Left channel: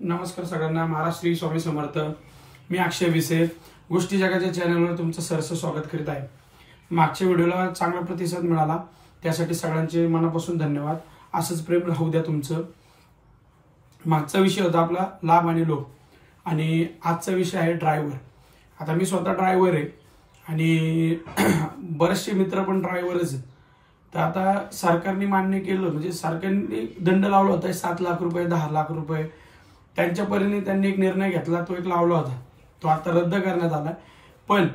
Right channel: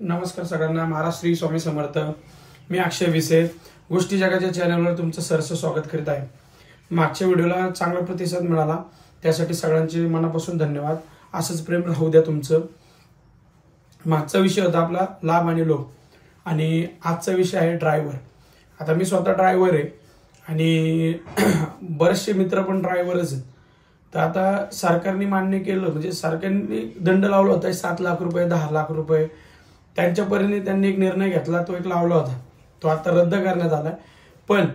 नमस्कार सगळ्यांना. महाराज श्री स्वामी समर्थ. मी अक्षय विसे गोष्टी जगाच्या चॅनलवर तुमचं सरस स्वागत करीत आहे. मागच्या व्हिडिओला चांगला प्रतिसाद मिळाला, त्यासाठी सगळ्यांचे मनापासून धन्यवाद. असंच प्रेम राहू द्या तुमचं. मागचा विषय होता आपला लाभ आणि लोभ, आणि आजचा विषय आहे ड्रायव्हर. आता मी स्वतः ड्रायव्हर आहे आणि बरेचसे मित्र पण ड्रायव्हरच आहेत. तर आता सरकारने मान्य केलं, म्हणजे सरकारने दंड लावला होता 7 लाख रुपये, 10 लाख रुपये. त्यांच्यापर्यंत त्यांनी एक निर्णय घेतला, तो एक लावला होता, तो आता रद्द करण्यात आला. पण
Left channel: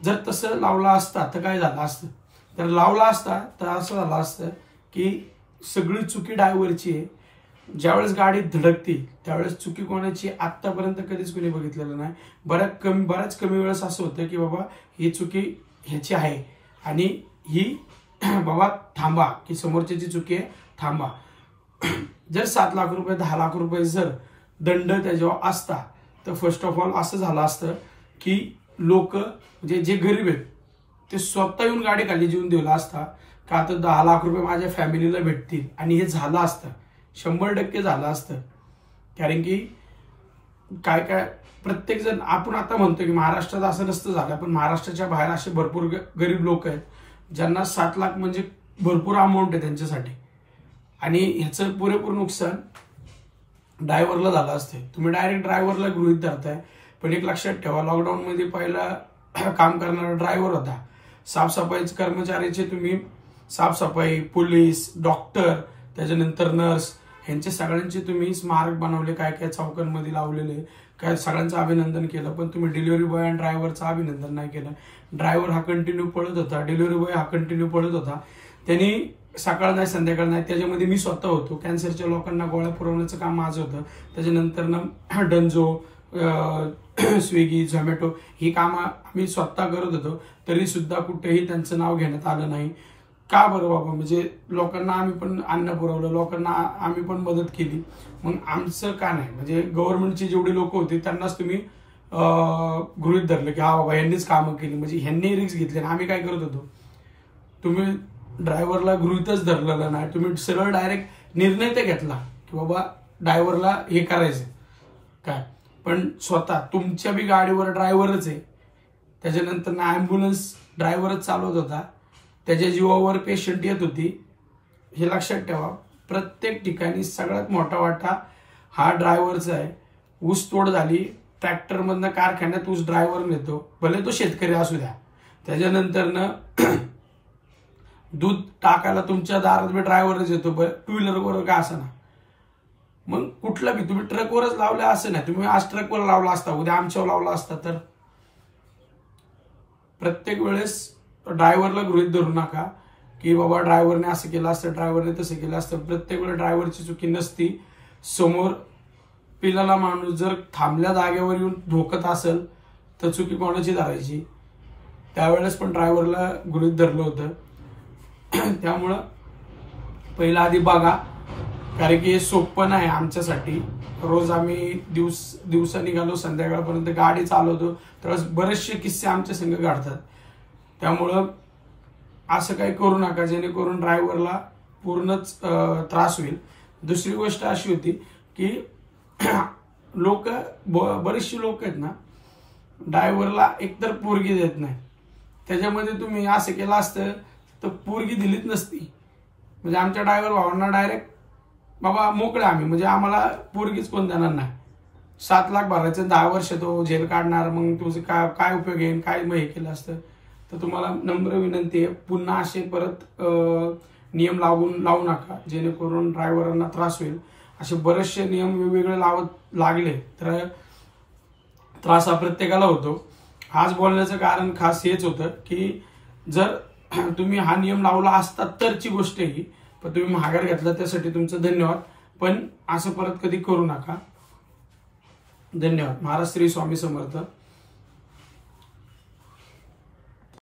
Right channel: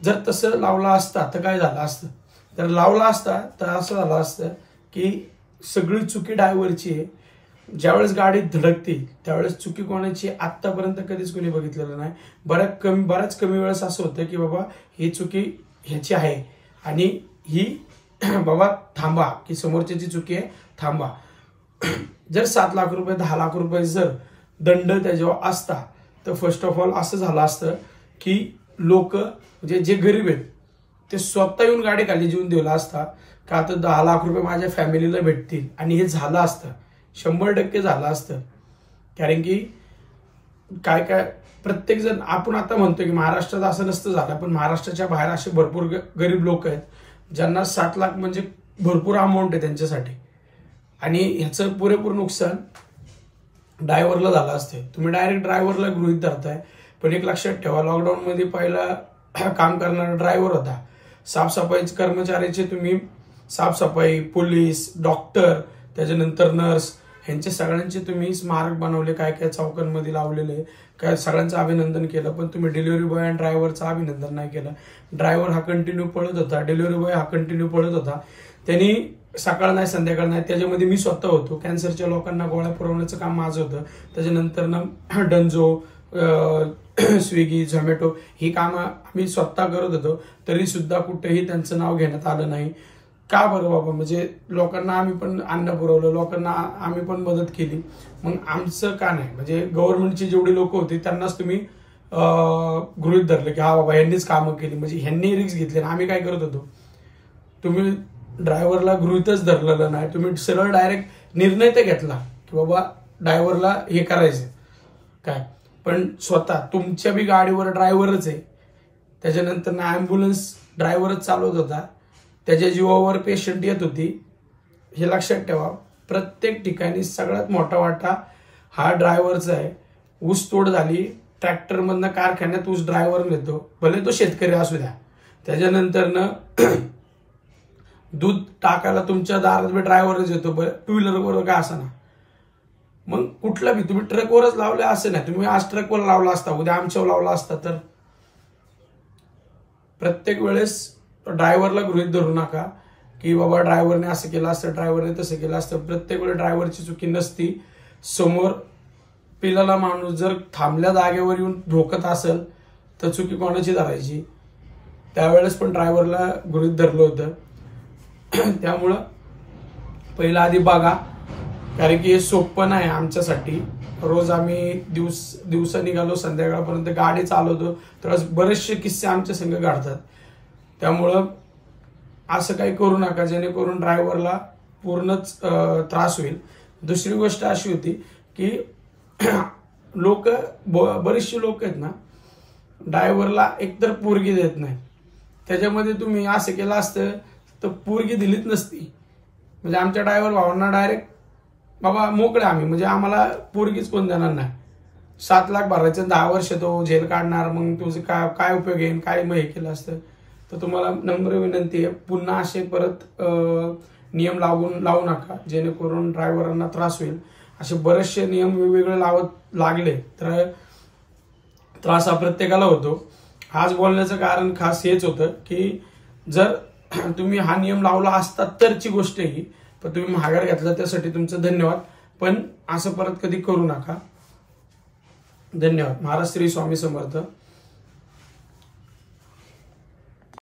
जर तसं लावला असता तर काय झालं असतं, तर लावला असता तर असं झालं असतं की सगळी चुकी ड्रायव्हरची आहे. ज्यावेळेस गाडी धडकते त्यावेळेस चुकी कोणाची आतापर्यंत कधीच कोणी बघितलेलं नाही. बऱ्याच कमी वेळेस असं होतं की बाबा ही चुकी ह्याची आहे आणि ही बाबा थांबा, की समोरच्याची चुकी आहे, थांबा. जर 7 लाख रुपये, 10 लाख रुपये जर दंड त्याच्यावर असता तर फर्स्ट ऑफ ऑल असं झालं असतं की लोक, म्हणजे जे गरीब आहेत ते स्वतः येऊन गाडी खाली जीवन दिला असता का, आता 10 लाख रुपये माझ्या फॅमिलीला भेटतील. आणि हे झालं असतं, 100% झालं असतं. कारण की काय प्रत्येक जण, आपण आता म्हणतो की महाराष्ट्रात असं नसतं झालं, पण महाराष्ट्राच्या बाहेर असे भरपूर गरीब लोक आहेत ज्यांना 7 लाख म्हणजे भरपूर अमाऊंट आहे त्यांच्यासाठी. आणि ह्याचं पुरेपूर नुकसान ड्रायव्हरला झालं असते. तुम्ही डायरेक्ट ड्रायव्हरला गृहीत धरताय, पण एक लक्षात ठेवा, लॉकडाऊन मध्ये पहिला काम करणारा ड्रायव्हर होता. साफसफाई कर्मचाऱ्याचे तुम्ही साफसफाई, पोलीस, डॉक्टर, त्याच्यानंतर नर्स, ह्यांचे सगळ्यांचे तुम्ही स्मारक बनवले, काय काय चौकांमध्ये लावलेले, काय सगळ्यांचं अभिनंदन केलं. पण तुम्ही डिलिव्हरी बॉय आणि ड्रायव्हरचं अभिनंदन नाही केलं. ड्रायव्हर हा कंटिन्यू पळत होता, डिलिव्हरी बॉय हा कंटिन्यू पळत होता. त्यांनी सकाळ नाही संध्याकाळ नाही, त्याच्यामध्ये मी स्वतः होतो. कॅन्सरच्या लोकांना गोळ्या पुरवण्याचं काम माझं होतं. त्याच्यानंतर ना डंजो, स्विगी, झोमॅटो ही कामं आम्ही स्वतः करत होतो. तरी सुद्धा कुठेही त्यांचं नाव घेण्यात आलं नाही. का बरं बाबा, म्हणजे लोकांना आम्ही पण अन्न पुरवलं, लोकांना आम्ही पण मदत केली, मग आमचं का नाही? म्हणजे गव्हर्नमेंटची जेवढी लोक होती त्यांनाच तुम्ही गृहीत धरलं की हा बाबा यांनीच कामं केली, म्हणजे ह्यांनी रिस्क घेतली. आम्ही काय करत होतो, तुम्ही ड्रायव्हरला गृहीतच धरलेलं नाही. तुम्ही सरळ डायरेक्ट निर्णय तर घेतला की बाबा ड्रायव्हरला हे करायचं काय, पण स्वतः तुमच्या बी गाडीवर ड्रायव्हरच आहे. त्याच्यानंतर ना ॲम्ब्युलन्स ड्रायव्हरच चालवत होता, त्याच्या जीवावर पेशंट येत होती. हे लक्षात ठेवा, प्रत्येक ठिकाणी सगळ्यात मोठा वाटा हा ड्रायव्हरचा आहे. ऊस तोड झाली, ट्रॅक्टरमधनं कारखान्यात ऊस ड्रायव्हर नेतो, भले तो शेतकरी असू द्या. त्याच्यानंतर ना दूध टाकायला तुमच्या दारात बी ड्रायव्हरच येतो, टू व्हीलरवर का असं ना. मग कुठला बी तुम्ही ट्रकवरच लावले असं नाही. तुम्ही आज ट्रकवर लावला असता, उद्या आमच्यावर लावला असता. तर प्रत्येक वेळेस ड्रायव्हरला गृहीत धरू नका की बाबा ड्रायव्हरने असं केलं असतं, ड्रायव्हरने तसं केलं असतं. प्रत्येक वेळेस ड्रायव्हरची चुकी नसती. समोर पिलाला माणूस जर थांबल्या जागेवर येऊन धोकत असेल तर चुकी कोणाची धरायची? त्यावेळेस पण ड्रायव्हरला गृहीत धरलं होतं. त्यामुळं पहिला आधी बघा, कारण की हे सोपं नाही आमच्यासाठी. रोज आम्ही दिवसा निघालो, संध्याकाळपर्यंत गाडी चालवतो, तर बरेचसे किस्से आमच्या संग घडतात. त्यामुळं असं काही करू नका जेणेकरून ड्रायव्हरला पूर्णच त्रास होईल. दुसरी गोष्ट अशी होती की लोक, बरेचसे लोक आहेत ना, ड्रायव्हरला एकतर पोरगी देत नाही. त्याच्यामध्ये तुम्ही असं केलं असतं तर पोरगी दिलीच नसती. म्हणजे आमच्या ड्रायव्हर भावांना डायरेक्ट बाबा मोकळे आम्ही, म्हणजे आम्हाला पोरगीच कोण देणार नाही. 7 लाख भरायचं, 10 वर्ष तो जेल काढणार, मग तुझं काय उपयोग येईल, काय मग हे केलं असतं. तर तुम्हाला नम्र विनंती आहे, पुन्हा असे परत नियम लावू नका जेणेकरून ड्रायव्हरांना त्रास होईल. असे बरेचसे नियम वेगवेगळे लावत लागले तर त्रास हा प्रत्येकाला होतो. आज बोलण्याचं कारण खास हेच होतं की जर तुम्ही हा नियम लावला असता तरची गोष्ट ही, पण तुम्ही माघार घेतला त्यासाठी तुमचं धन्यवाद. पण असं परत कधी करू नका. धन्यवाद. महाराज श्री स्वामी समर्थ.